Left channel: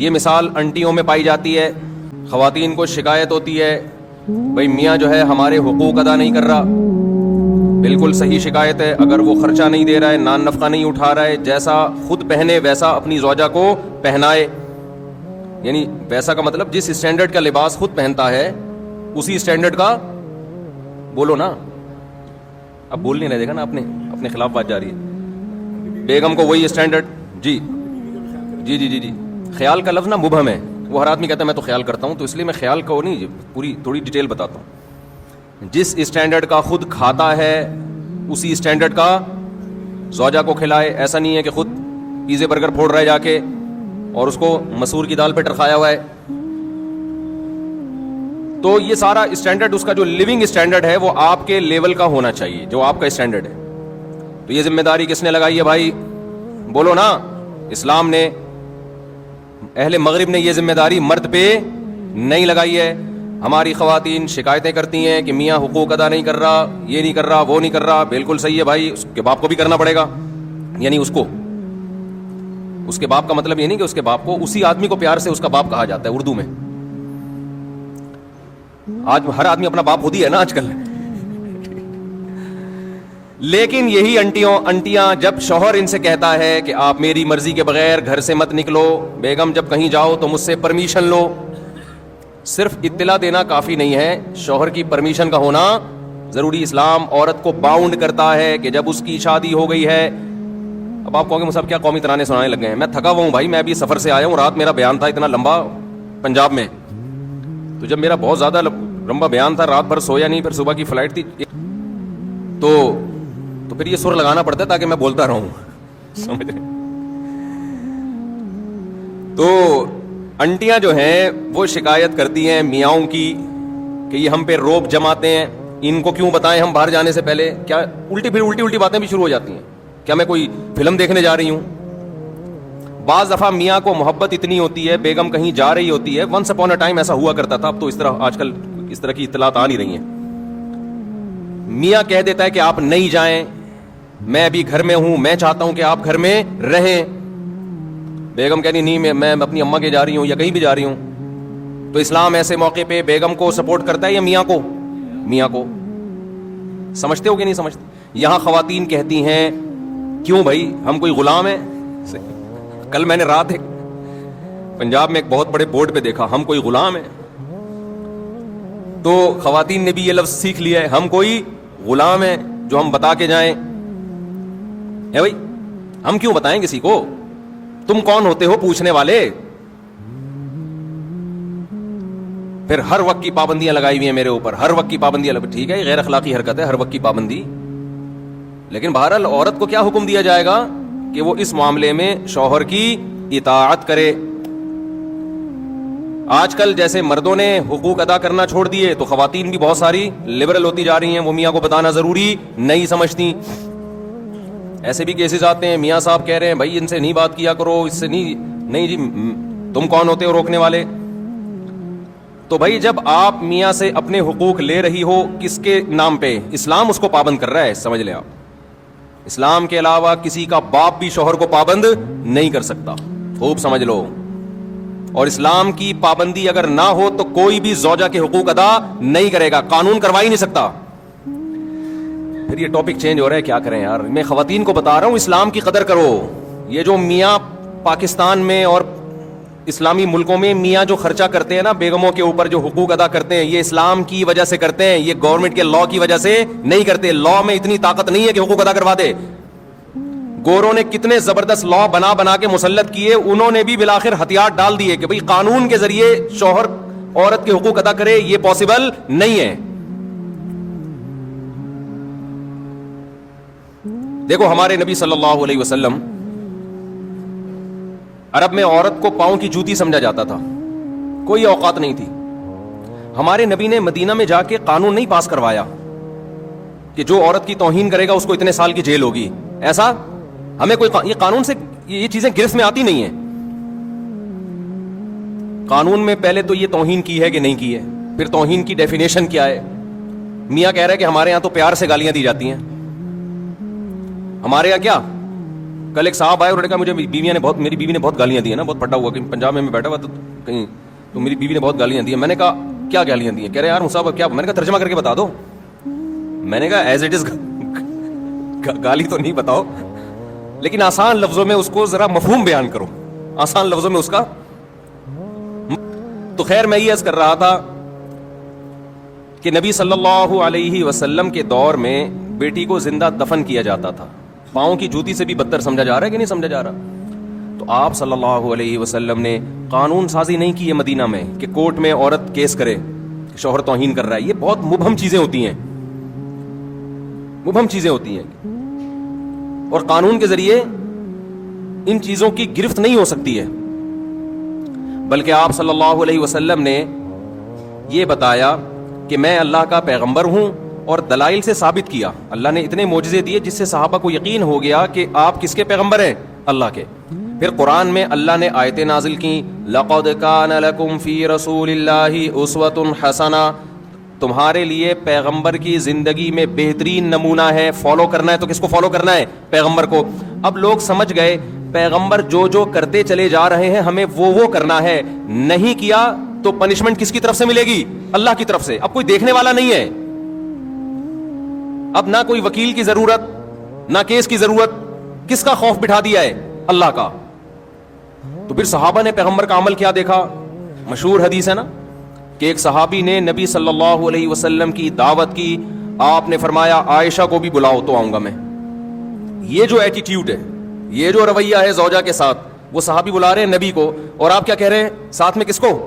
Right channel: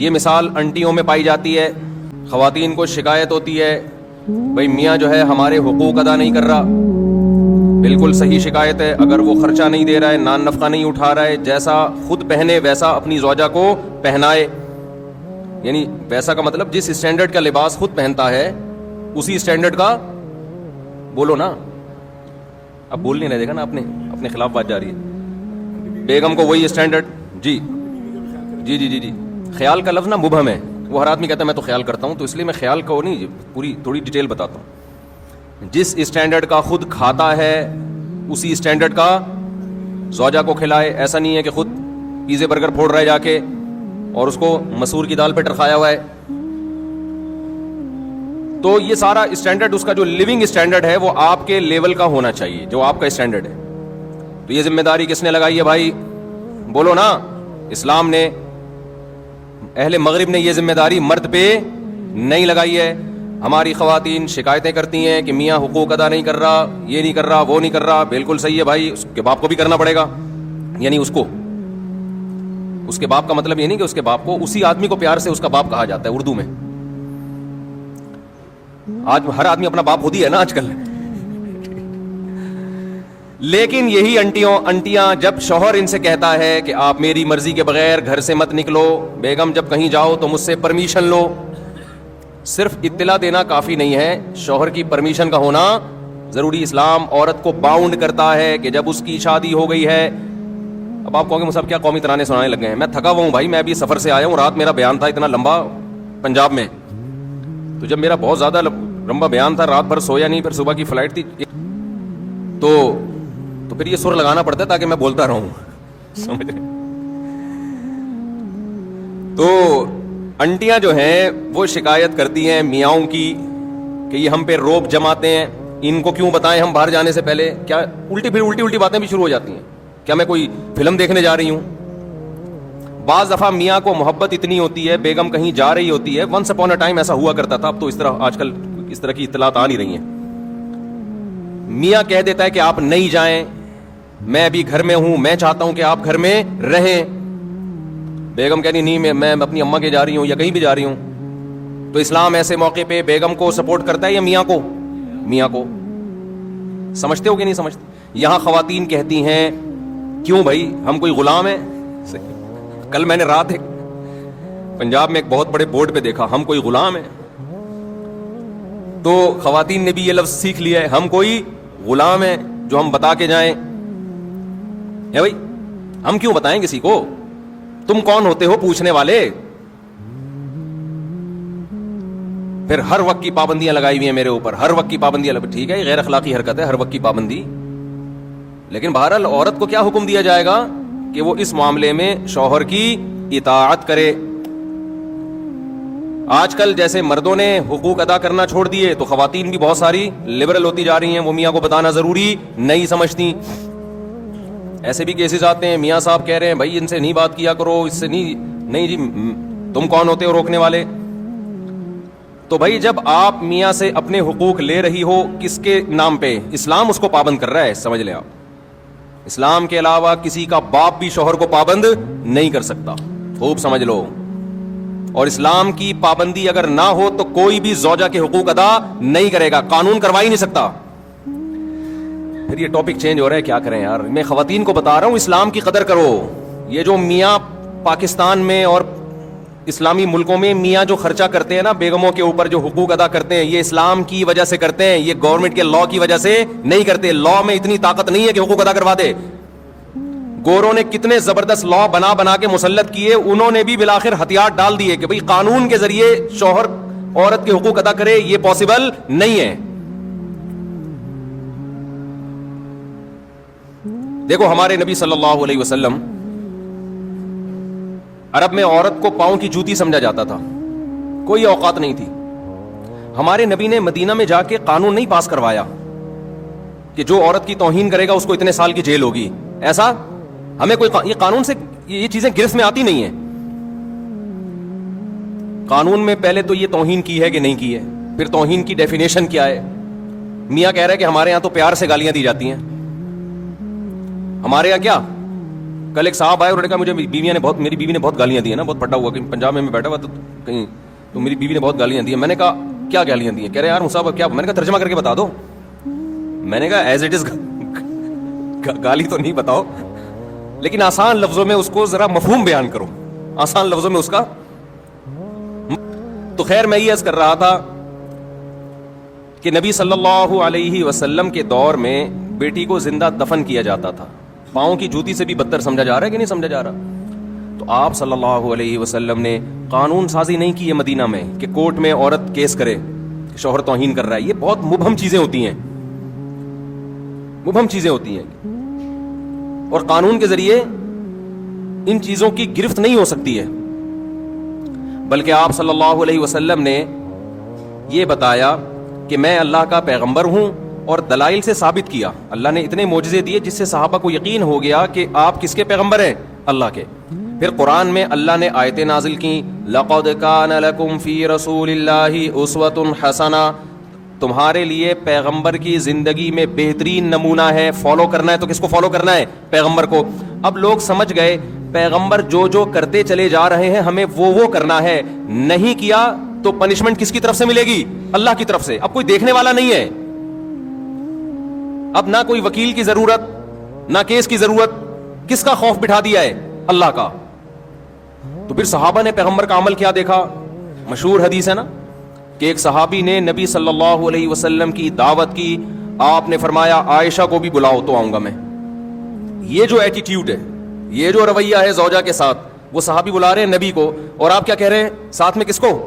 یہ مثال انٹیوں میں پائی جاتی ہے. خواتین کو شکایت ہوتی ہے بھائی میاں جو ہے ہمارے حقوق ادا نہیں کر رہا. بالکل صحیح شکایت ہے. اگر وہ خرچہ نہیں دے رہا ہے, نان نفقہ نہیں اٹھا رہا ہے, جیسا خود پہنے ویسا اپنی زوجہ کو پہنائے, یعنی ویسا کا مطلب جس اسٹینڈرڈ کا لباس خود پہنتا ہے اسی اسٹینڈرڈ کا, بولو نا, اب بولنے نہیں دے گا نا, اپنے خلاف بات جاری ہے. بیگم کو وہی اسٹینڈرڈ. جی جی جی جی جی خیال کا لفظ نا مبہم ہے. وہ ہر آدمی کہتا ہے میں تو خیال کرتا ہوں, تو اس لیے میں خیال کو نہیں پوری تھوڑی ڈیٹیل بتاتا ہوں. جس اسٹینڈرڈ کا خود کھاتا ہے اسی اسٹینڈرڈ کا زوجہ کو کھلائے. ایسا نہیں ہے کہ خود پیزے برگر پھوڑ رہا ہے جا کے اور اس کو مسور کی دال پہ ٹرکھایا ہوا ہے. تو یہ سارا اسٹینڈرڈ, اس کا جو لیونگ اسٹینڈرڈ ہے وہ آپ کے لیول کا ہونا چاہیے, جو آپ کا اسٹینڈرڈ ہے. تو یہ ذمہ داری کس نے لگائی ہے بھائی؟ بولو نا. اسلام نے, اہل مغرب نے یہ ذمہ داری مرد پہ نہیں لگائی ہے. ہماری خواتین شکایتیں کرتی ہیں کہ میاں حقوق ادا نہیں کر رہا, یہ نہیں کر رہا, وہ نہیں کر رہا. بالکل صحیح ہے بھائی, اس کے باپ کو بھی کرنا پڑے گا. یعنی اس کے باپ کا مطلب یہ نہیں کہ اس کے باپ کو, اسی آدمی کو پیار سے اس کا باپ کہا جاتا ہے اردو میں. آج ہر آدمی اپنا باپ خود ہی ہے نا آج کل. لیکن یہی انٹیاں جب شوہر ان سے کہتا ہے کہ آپ میری مرضی کے بغیر گھر سے مت نکلو, بیگم جب کہیں جاؤ تو مجھ سے پرمیشن لو. صرف اطلاع دینا کافی نہیں ہے, شوہر کی پرمیشن کا ہونا ضروری. اسلام عورت کو باؤنڈ کرتا ہے کہ جب اس کی شادی ہو گئی ہے. اب آپ کہو گے مصعب کیا قومی ترانے سنانے لگے ہیں؟ میں تھکا ہوا ہوں بھائی, میں ابھی سفر سے آیا ہوں, رات میرا بیان تھا اتنا لمبا پنجاب میں. تو جب میرا بہت زیادہ لمبا بیان تھا, رات بھر سویا نہیں, پھر صبح کی فلائٹ تھی, تو پھر یہ سر لگانا پڑتا ہے تاکہ میں بولتا رہوں. تو انٹیاں جو ہیں وہ شکایت کرتی ہیں میاؤں کی کہ یہ ہم پہ روپ جماتے ہیں, ان کو کیوں بتائیں ہم باہر جانے سے پہلے. کیا الٹی باتیں بھی شروع ہو جاتی ہیں. کیا میں کوئی فلم دیکھنے جا رہی ہوں؟ بعض دفعہ میاں کو محبت اتنی ہوتی ہے, بیگم کہیں جا رہی ہوتی ہے. ونس اپون اے ٹائم ایسا ہوا کرتا تھا, اب تو اس طرح آج کل اس طرح کی اطلاعات آ نہیں رہی ہیں. میاں کہہ دیتا ہے کہ آپ نہیں جائیں, میں ابھی گھر میں ہوں, میں چاہتا ہوں کہ آپ گھر میں رہیں. بیگم کہنی نہیں, میں اپنی اماں کے جا رہی ہوں یا کہیں بھی جا رہی ہوں. تو اسلام ایسے موقع پہ بیگم کو سپورٹ کرتا ہے یا میاں کو؟ میاں کو. سمجھتے ہو کہ نہیں سمجھتے؟ یہاں خواتین کہتی ہیں کیوں بھائی ہم کوئی غلام ہیں؟ کل میں نے رات پنجاب میں ایک بہت بڑے بورڈ پہ دیکھا, ہم کوئی غلام ہیں. تو خواتین نے بھی یہ لفظ سیکھ لیا ہے, ہم کوئی غلام ہیں جو ہم بتا کے جائیں. بھائی ہم کیوں بتائیں کسی کو؟ تم کون ہوتے ہو پوچھنے والے؟ پھر ہر وقت کی پابندیاں لگائی ہوئی ہیں میرے اوپر, ہر وقت کی پابندیاں ٹھیک ہے, غیر اخلاقی حرکت ہے ہر وقت کی پابندی. لیکن بہرحال عورت کو کیا حکم دیا جائے گا کہ وہ اس معاملے میں شوہر کی اطاعت کرے. آج کل جیسے مردوں نے حقوق ادا کرنا چھوڑ دیے تو خواتین بھی بہت ساری لبرل ہوتی جا رہی ہیں, وہ میاں کو بتانا ضروری نہیں سمجھتی. ایسے بھی کیسز آتے ہیں, میاں صاحب کہہ رہے ہیں بھائی ان سے نہیں بات کیا کرو, اس سے نہیں جی, تم کون ہوتے ہو روکنے والے؟ تو بھائی جب آپ میاں سے اپنے حقوق لے رہی ہو کس کے نام پہ؟ اسلام اس کو پابند کر رہا ہے, سمجھ لیں آپ. اسلام کے علاوہ کسی کا باپ بھی شوہر کو پابند نہیں کر سکتا, خوب سمجھ لو. اور اسلام کی پابندی اگر نہ ہو تو کوئی بھی زوجہ کے حقوق ادا نہیں کرے گا, قانون کروا ہی نہیں سکتا. یہ ٹاپک چینج ہو رہا ہے, کیا کریں یار. میں خواتین کو بتا رہا ہوں اسلام کی قدر کرو. یہ جو میاں پاکستان میں اور اسلامی ملکوں میں میاں جو خرچہ کرتے ہیں نا بیگموں کے اوپر, جو حقوق ادا کرتے ہیں, یہ اسلام کی وجہ سے کرتے ہیں, یہ گورنمنٹ کے لا کی وجہ سے نہیں کرتے. لا میں اتنی طاقت نہیں ہے کہ حقوق ادا کروا دے. گوروں نے کتنے زبردست لا بنا کے مسلط کیے, انہوں نے بھی بالآخر ہتھیار ڈال دیے کہ بھئی قانون کے ذریعے شوہر عورت کے حقوق ادا کرے, یہ پاسبل نہیں ہے. دیکھو ہمارے نبی صلی اللہ علیہ وسلم, عرب میں عورت کو پاؤں کی جوتی سمجھا جاتا تھا, کوئی اوقات نہیں تھی. ہمارے نبی نے مدینہ میں جا کے قانون نہیں پاس کروایا کہ جو عورت کی توہین کرے گا اس کو اتنے سال کی جیل ہوگی. ایسا ہمیں کوئی, یہ قانون سے یہ چیزیں گرفت میں آتی نہیں ہیں. قانون میں پہلے تو یہ توہین کی ہے کہ نہیں کی ہے, پھر توہین کی ڈیفینیشن کیا ہے. میاں کہہ رہے ہیں کہ ہمارے یہاں تو پیار سے گالیاں دی جاتی ہیں. ہمارے یہاں کیا کل ایک صاحب آئے, انہوں نے کہا مجھے میری بیوی نے بہت گالیاں دی ہیں نا, بہت پھٹا ہوا, کہیں پنجاب میں بیٹھا ہوا کہیں, تو میری بیوی نے بہت گالیاں دی ہیں. میں نے کہا کیا گالیاں دی ہیں؟ کہہ رہے یار مصعب کیا؟ میں نے کہا ترجمہ کر کے بتا دو. میں نے کہا ایز اٹ از گالی تو نہیں بتاؤ, لیکن آسان لفظوں میں اس کو ذرا مفہوم بیان کروں, آسان لفظوں میں اس کا. تو خیر میں یہ عرض کر رہا تھا کہ نبی صلی اللہ علیہ وسلم کے دور میں بیٹی کو زندہ دفن کیا جاتا تھا. پاؤں کی جوتی سے بھی بدتر سمجھا جا رہا ہے کہ نہیں سمجھا جا رہا؟ تو آپ صلی اللہ علیہ وسلم نے قانون سازی نہیں کی ہے مدینہ میں کہ کورٹ میں عورت کیس کرے شوہر توہین کر رہا ہے. یہ بہت مبہم چیزیں ہوتی ہیں, مبہم چیزیں ہوتی ہیں, اور قانون کے ذریعے ان چیزوں کی گرفت نہیں ہو سکتی ہے. بلکہ آپ صلی اللہ علیہ وسلم نے یہ بتایا کہ میں اللہ کا پیغمبر ہوں, اور دلائل سے ثابت کیا. اللہ نے اتنے معجزے دیے جس سے صحابہ کو یقین ہو گیا کہ آپ کس کے پیغمبر ہیں؟ اللہ کے. پھر قرآن میں اللہ نے آیتیں نازل کی, لَقَدْ كَانَ لَكُمْ فِي رَسُولِ اللَّهِ أُسْوَةٌ حَسَنَةٌ, تمہارے لیے پیغمبر کی زندگی میں بہترین نمونہ ہے. فالو کرنا ہے تو کس کو فالو کرنا ہے؟ پیغمبر کو. اب لوگ سمجھ گئے پیغمبر جو جو کرتے چلے جا رہے ہیں ہمیں وہ کرنا ہے, نہیں کیا تو پنشمنٹ کس کی طرف سے ملے گی؟ اللہ کی طرف سے. اب کوئی دیکھنے والا نہیں ہے, اب نہ کوئی وکیل کی ضرورت, نہ کیس کی ضرورت. کس کا خوف بٹھا دیا ہے؟ اللہ کا. تو پھر صحابہ نے پیغمبر کا عمل کیا دیکھا؟ مشہور حدیث ہے نا کہ ایک صحابی نے نبی صلی اللہ علیہ وسلم کی دعوت کی, آپ نے فرمایا عائشہ کو بھی بلاؤ تو آؤں گا میں. یہ جو ایٹیٹیوڈ ہے, یہ جو رویہ ہے زوجہ کے ساتھ, وہ صحابی بلا رہے ہیں نبی کو, اور آپ کیا کہہ رہے ہیں ساتھ میں کس کو؟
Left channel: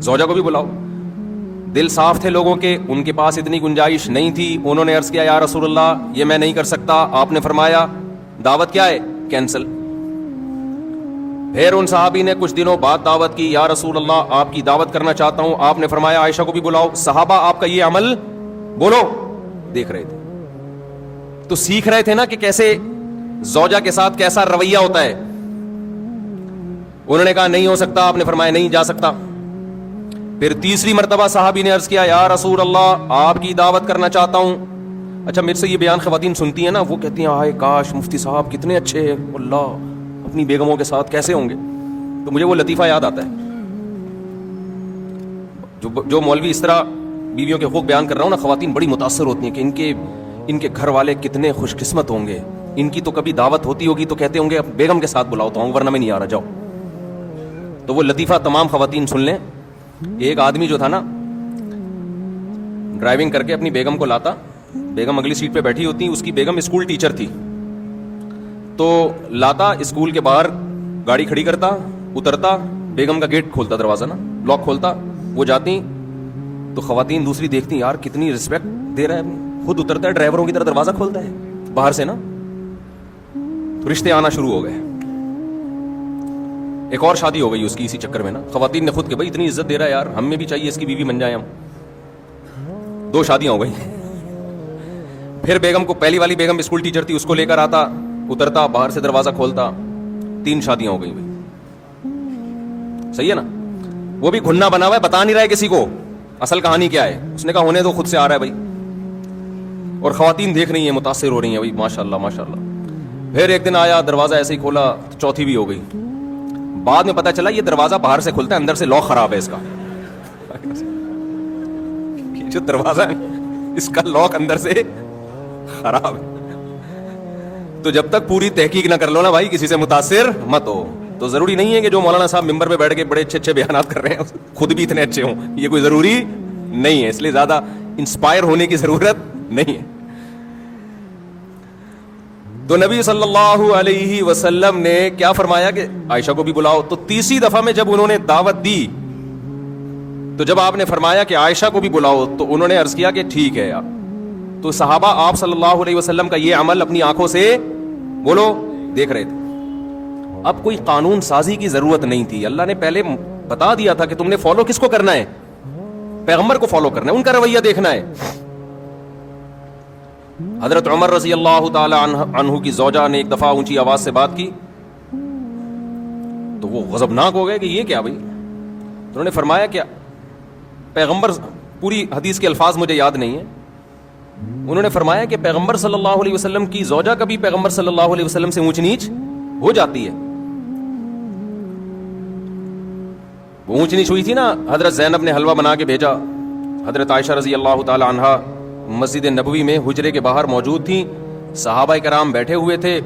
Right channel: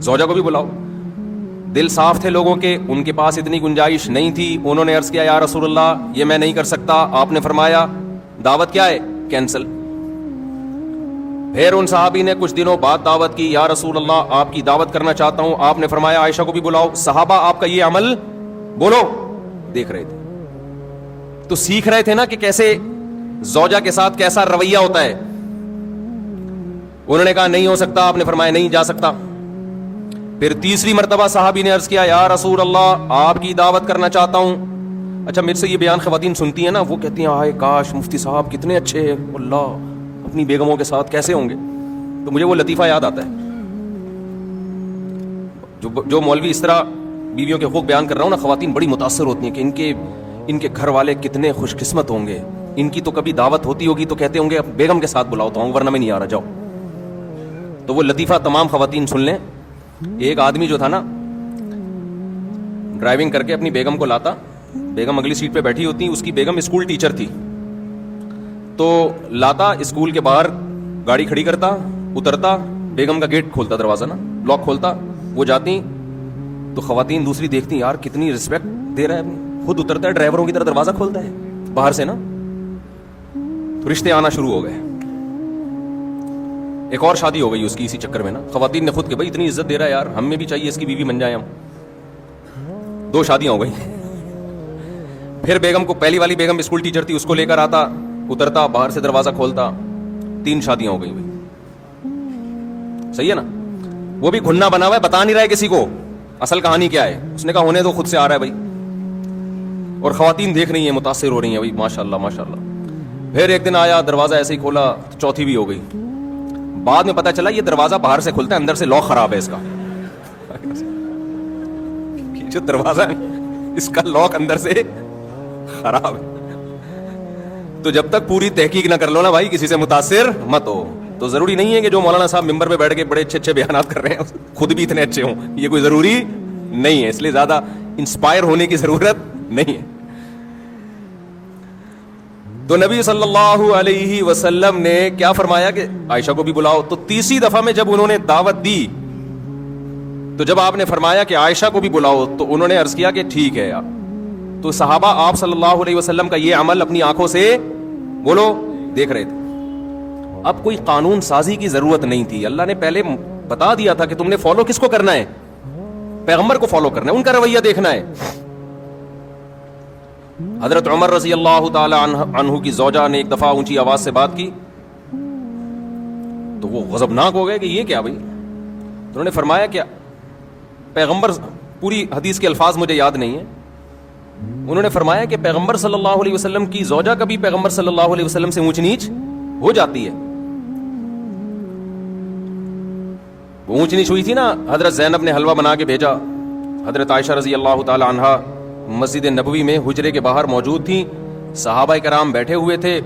زوجہ کو بھی بلاؤ. دل صاف تھے لوگوں کے, ان کے پاس اتنی گنجائش نہیں تھی. انہوں نے عرض کیا یا رسول اللہ یہ میں نہیں کر سکتا. آپ نے فرمایا دعوت کیا ہے؟ کینسل. پھر ان صحابی نے کچھ دنوں بعد دعوت کی, یا رسول اللہ آپ کی دعوت کرنا چاہتا ہوں. آپ نے فرمایا عائشہ کو بھی بلاؤ. صحابہ آپ کا یہ عمل بولو دیکھ رہے تھے, تو سیکھ رہے تھے نا کہ کیسے زوجہ کے ساتھ کیسا رویہ ہوتا ہے. انہوں نے کہا نہیں ہو سکتا, آپ نے فرمایا نہیں جا سکتا. پھر تیسری مرتبہ صحابی نے عرض کیا یا رسول اللہ آپ کی دعوت کرنا چاہتا ہوں. اچھا میرے سے یہ بیان خواتین سنتی ہیں نا, وہ کہتی ہیں ہائے کاش مفتی صاحب کتنے اچھے, اللہ اپنی بیگموں کے ساتھ کیسے ہوں گے. تو مجھے وہ لطیفہ یاد آتا ہے جو مولوی اس طرح بیویوں کے حقوق بیان کر رہا ہوں نا, خواتین بڑی متاثر ہوتی ہیں کہ ان کے گھر والے کتنے خوش قسمت ہوں گے. ان کی تو کبھی دعوت ہوتی ہوگی تو کہتے ہوں گے بیگم کے ساتھ بلاؤ تو ہوں, ورنہ میں نہیں آ رہا, جاؤ. تو وہ لطیفہ تمام خواتین سن لیں. ایک آدمی جو تھا نا ڈرائیونگ کر کے اپنی بیگم کو لاتا, بیگم اگلی سیٹ پہ بیٹھی ہوتی, اس کی بیگم اسکول ٹیچر تھی, تو لاتا اسکول کے باہر گاڑی کھڑی کرتا, اترتا, بیگم کا گیٹ کھولتا, دروازہ نا لاک کھولتا, وہ جاتی. تو خواتین دوسری دیکھتی یار کتنی رسمت دے رہا ہے, خود اترتا ہے ڈرائیوروں کی طرح دروازہ کھولتا ہے باہر سے نا. رشتے آنا شروع ہو گئے. ایک اور شادی ہو گئی اس کی اسی چکر میں نا. خواتین نے خود کہ بھائی اتنی عزت دے رہا ہے یار, ہمیں بھی چاہیے اس کی بیوی بن جائیں ہم. 2 شادیاں ہو گئی. پھر بیگم کو, پہلی والی بیگم اسکول ٹیچر تھی, اس کو لے کر آتا, اترتا, باہر سے دروازہ کھولتا. 3 شادیاں ہو گئی. صحیح ہے نا. وہ بھی گھلنا بنا ہوا, بتا نہیں رہا ہے کسی کو اصل کہانی کیا ہے. اس نے کہا ہونے تو خود سے آ رہا ہے بھائی. اور خواتین دیکھ رہی ہیں, متاثر ہو رہی ہیں بھائی, ماشاءاللہ ماشاءاللہ. پھر ایک دن آیا, دروازہ ایسے ہی کھولا, چوتھی بھی ہو گئی. بعد میں پتا چلا یہ دروازہ باہر سے کھلتا ہے, اندر سے لاک خراب ہے اس کا. جو دروازہ ہے اس کا لاک اندر سے خراب ہے. تو جب تک پوری تحقیق نہ کر لو نا بھائی, کسی سے متاثر مت ہو. تو ضروری نہیں ہے کہ جو مولانا صاحب ممبر پہ بیٹھ کے بڑے اچھے بیانات کر رہے ہیں خود بھی اتنے اچھے ہوں, یہ کوئی ضروری نہیں ہے. اس لیے زیادہ انسپائر ہونے کی ضرورت نہیں ہے. تو نبی صلی اللہ علیہ وسلم نے کیا فرمایا کہ عائشہ کو بھی بلاؤ. تو تیسری دفعہ میں جب انہوں نے دعوت دی, تو جب آپ نے فرمایا کہ عائشہ کو بھی بلاؤ, تو انہوں نے عرض کیا کہ ٹھیک ہے یار. تو صحابہ آپ صلی اللہ علیہ وسلم کا یہ عمل اپنی آنکھوں سے بولو دیکھ رہے تھے. اب کوئی قانون سازی کی ضرورت نہیں تھی. اللہ نے پہلے بتا دیا تھا کہ تم نے فالو کس کو کرنا ہے؟ پیغمبر کو فالو کرنا ہے, ان کا رویہ دیکھنا ہے. حضرت عمر رضی اللہ تعالی عنہ کی زوجہ نے ایک دفعہ اونچی آواز سے بات کی, تو وہ غضبناک ہو گئے کہ یہ کیا بھائی. انہوں نے فرمایا کہ پیغمبر, پوری حدیث کے الفاظ مجھے یاد نہیں, انہوں نے فرمایا کہ پیغمبر صلی اللہ علیہ وسلم کی زوجہ کبھی پیغمبر صلی اللہ علیہ وسلم سے اونچ نیچ ہو جاتی ہے. وہ اونچ نیچ ہوئی تھی نا, حضرت زینب نے حلوہ بنا کے بھیجا, حضرت عائشہ رضی اللہ تعالی عنہا مسجد نبوی میں حجرے کے باہر موجود تھی, صحابہ کرام بیٹھے ہوئے تھے,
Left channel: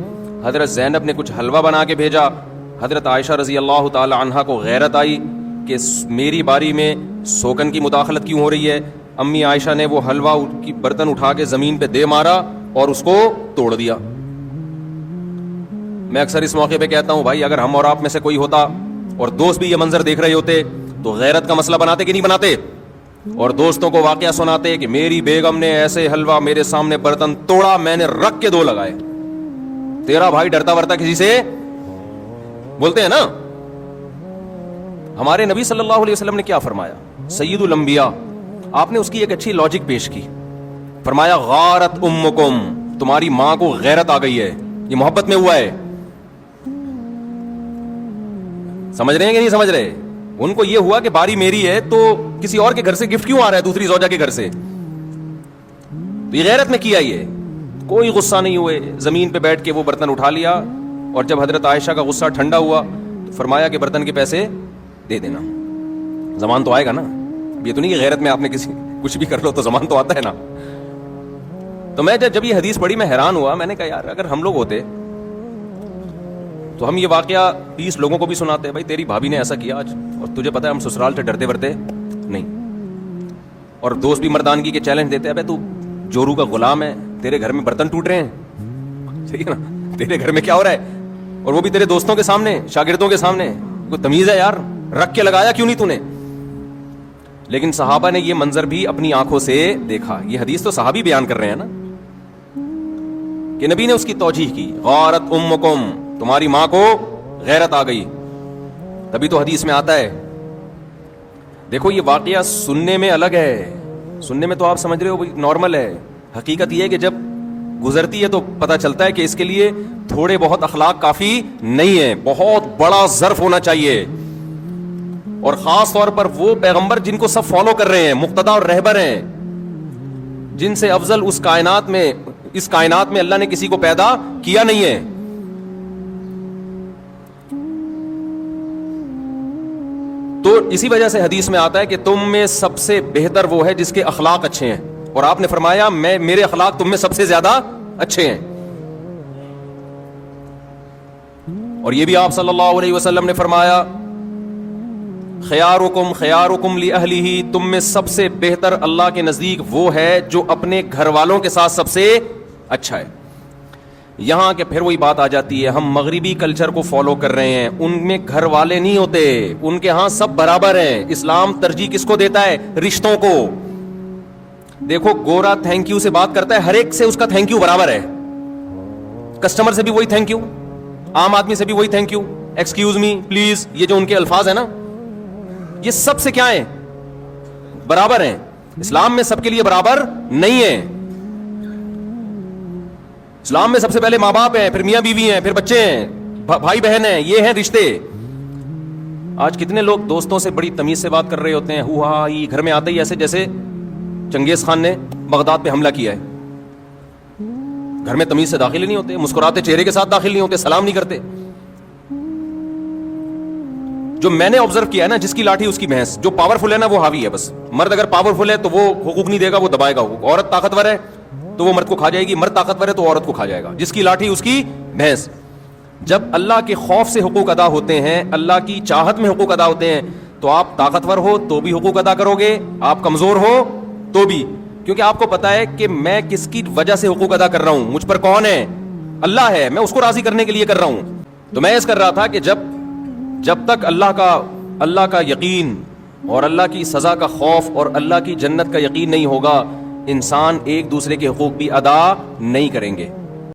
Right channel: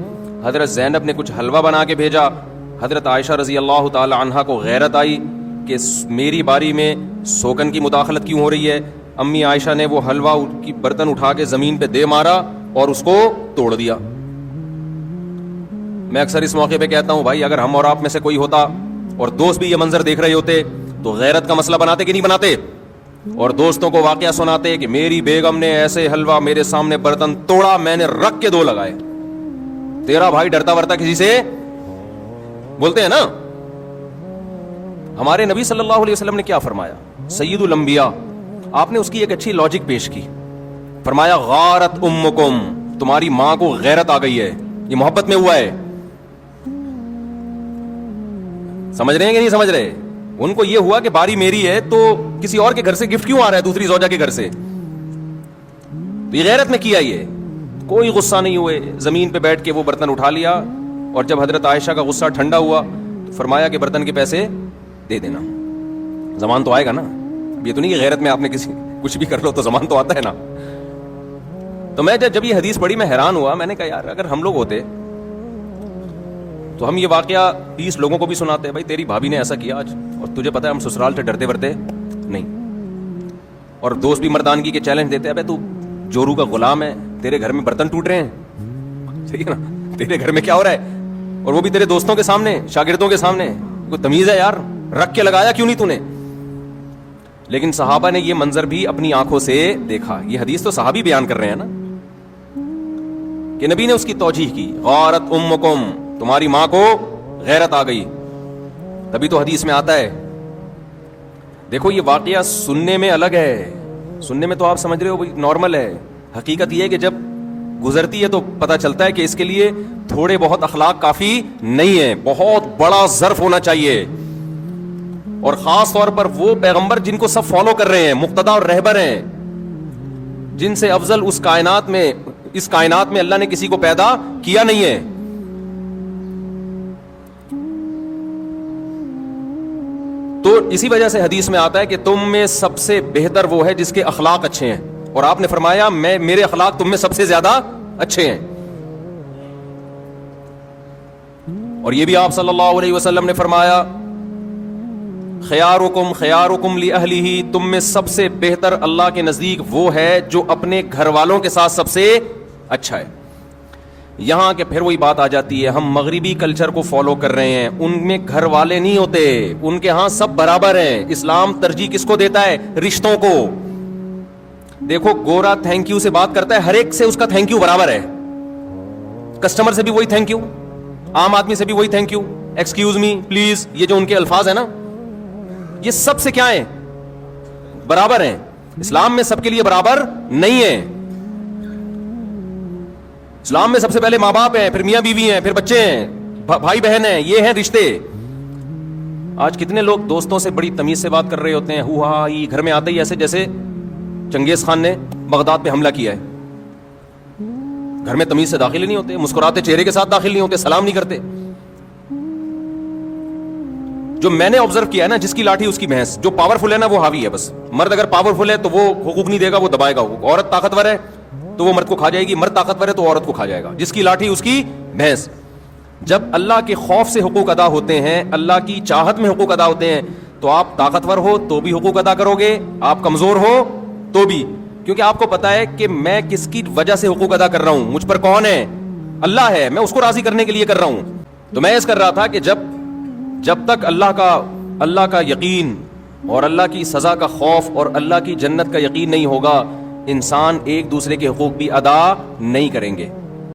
حضرت زینب نے کچھ حلوہ بنا کے بھیجا. حضرت عائشہ رضی اللہ تعالی عنہا کو غیرت آئی کہ میری باری میں سوگن کی مداخلت کیوں ہو رہی ہے. امی عائشہ نے وہ حلوہ کی برتن اٹھا کے زمین پہ دے مارا اور اس کو توڑ دیا. میں اکثر اس موقع پہ کہتا ہوں بھائی, اگر ہم اور آپ میں سے کوئی ہوتا اور دوست بھی یہ منظر دیکھ رہے ہوتے تو غیرت کا مسئلہ بناتے کہ نہیں بناتے, اور دوستوں کو واقعہ سناتے کہ میری بیگم نے ایسے حلوہ میرے سامنے برتن توڑا, میں نے رکھ کے 2 لگائے. تیرا بھائی ڈرتا ورتا کسی سے بولتے ہیں نا. ہمارے نبی صلی اللہ علیہ وسلم نے کیا فرمایا, سید الانبیاء, آپ نے اس کی ایک اچھی لاجک پیش کی. فرمایا غارت امکم, تمہاری ماں کو غیرت آ گئی ہے, یہ محبت میں ہوا ہے. سمجھ رہے ہیں کہ نہیں سمجھ رہے ہیں؟ ان کو یہ ہوا کہ باری میری ہے تو کسی اور کے گھر سے گفٹ کیوں آ رہا ہے, دوسری زوجہ کے گھر سے. یہ غیرت میں کیا, یہ کوئی غصہ نہیں ہوئے, زمین پہ بیٹھ کے وہ برتن اٹھا لیا. اور جب حضرت عائشہ کا غصہ ٹھنڈا ہوا تو فرمایا کہ برتن کے پیسے دے دینا, زمان تو آئے گا نا. یہ تو نہیں کہ غیرت میں آپ نے کچھ بھی کر لو تو زمان تو آتا ہے نا. تو میں جب یہ حدیث پڑھی میں حیران ہوا. میں نے کہا یار اگر ہم لوگ ہوتے تو ہم یہ واقعہ 20 لوگوں کو بھی سناتے ہیں, بھائی تیری بھابھی نے ایسا کیا آج, اور تجھے پتا ہے ہم سسرال سے ڈرتے ورتے نہیں. اور دوست بھی مردانگی کے چیلنج دیتے ہیں, بھائی تو جورو کا غلام ہے, تیرے گھر میں برتن ٹوٹ رہے ہیں, ٹھیک ہے نا, تیرے گھر میں کیا ہو رہا ہے, اور وہ بھی تیرے دوستوں کے سامنے, شاگردوں کے سامنے. کوئی تمیز ہے یار, رکھ کے لگایا کیوں نہیں تو نے. لیکن صحابہ نے یہ منظر بھی اپنی آنکھوں سے دیکھا. یہ حدیث تو صحابی بیان کر رہے ہیں نا, کہ نبی نے اس کی توجیح کی, غارت امکم, تمہاری ماں کو غیرت آ گئی. تبھی تو حدیث میں آتا ہے. دیکھو یہ واقعہ سننے میں الگ ہے, سننے میں تو آپ سمجھ رہے ہو بھائی نارمل ہے. حقیقت یہ ہے کہ جب گزرتی ہے تو پتہ چلتا ہے کہ اس کے لیے تھوڑے بہت اخلاق کافی نہیں ہے, بہت بڑا ظرف ہونا چاہیے. اور خاص طور پر وہ پیغمبر جن کو سب فالو کر رہے ہیں, مقتدا اور رہبر ہیں, جن سے افضل اس کائنات میں اللہ نے کسی کو پیدا کیا نہیں ہے. تو اسی وجہ سے حدیث میں آتا ہے کہ تم میں سب سے بہتر وہ ہے جس کے اخلاق اچھے ہیں, اور آپ نے فرمایا میرے اخلاق تم میں سب سے زیادہ اچھے ہیں. اور یہ بھی آپ صلی اللہ علیہ وسلم نے فرمایا خیارکم لأہلہ, تم میں سب سے بہتر اللہ کے نزدیک وہ ہے جو اپنے گھر والوں کے ساتھ سب سے اچھا ہے. یہاں کہ پھر وہی بات آ جاتی ہے, ہم مغربی کلچر کو فالو کر رہے ہیں, ان میں گھر والے نہیں ہوتے, ان کے ہاں سب برابر ہیں. اسلام ترجیح کس کو دیتا ہے, رشتوں کو. دیکھو گورا تھینک یو سے بات کرتا ہے, ہر ایک سے اس کا تھینک یو برابر ہے. کسٹمر سے بھی وہی تھینک یو, عام آدمی سے بھی وہی thank you, excuse me, please, یہ جو ان کے الفاظ ہیں نا, یہ سب سے کیا ہیں, برابر ہیں. اسلام میں سب کے لیے برابر نہیں ہے. اسلام میں سب سے پہلے ماں باپ ہیں, پھر میاں بیوی ہیں, پھر بچے ہیں, بھائی بہن ہیں, یہ ہیں رشتے. آج کتنے لوگ دوستوں سے بڑی تمیز سے بات کر رہے ہوتے ہیں, ہوا یہ گھر میں آتے ہی ایسے جیسے چنگیز خان نے بغداد پہ حملہ کیا ہے. گھر میں تمیز سے داخل ہی نہیں ہوتے, مسکراتے چہرے کے ساتھ داخل نہیں ہوتے, سلام نہیں کرتے. جو میں نے آبزرو کیا ہے نا, جس کی لاٹھی اس کی بھینس, جو پاورفل ہے نا وہ حاوی ہے بس. مرد اگر پاورفل ہے تو وہ حقوق نہیں دے گا, وہ دبائے گا. عورت طاقتور ہے تو وہ مرد کو کھا جائے گی, مرد طاقتور ہے تو عورت کو کھا جائے گا. جس کی لاٹھی اس کی بھینس. جب اللہ کے خوف سے حقوق ادا ہوتے ہیں, اللہ کی چاہت میں حقوق ادا ہوتے ہیں, تو آپ طاقتور ہو تو بھی حقوق ادا کرو گے, آپ کمزور ہو تو بھی, کیونکہ آپ کو پتا ہے کہ میں کس کی وجہ سے حقوق ادا کر رہا ہوں, مجھ پر کون ہے, اللہ ہے, میں اس کو راضی کرنے کے لیے کر رہا ہوں. تو میں اس کر رہا تھا کہ جب تک اللہ کا یقین اور اللہ کی سزا کا خوف اور اللہ کی جنت کا یقین نہیں ہوگا, انسان ایک دوسرے کے حقوق بھی ادا نہیں کریں گے.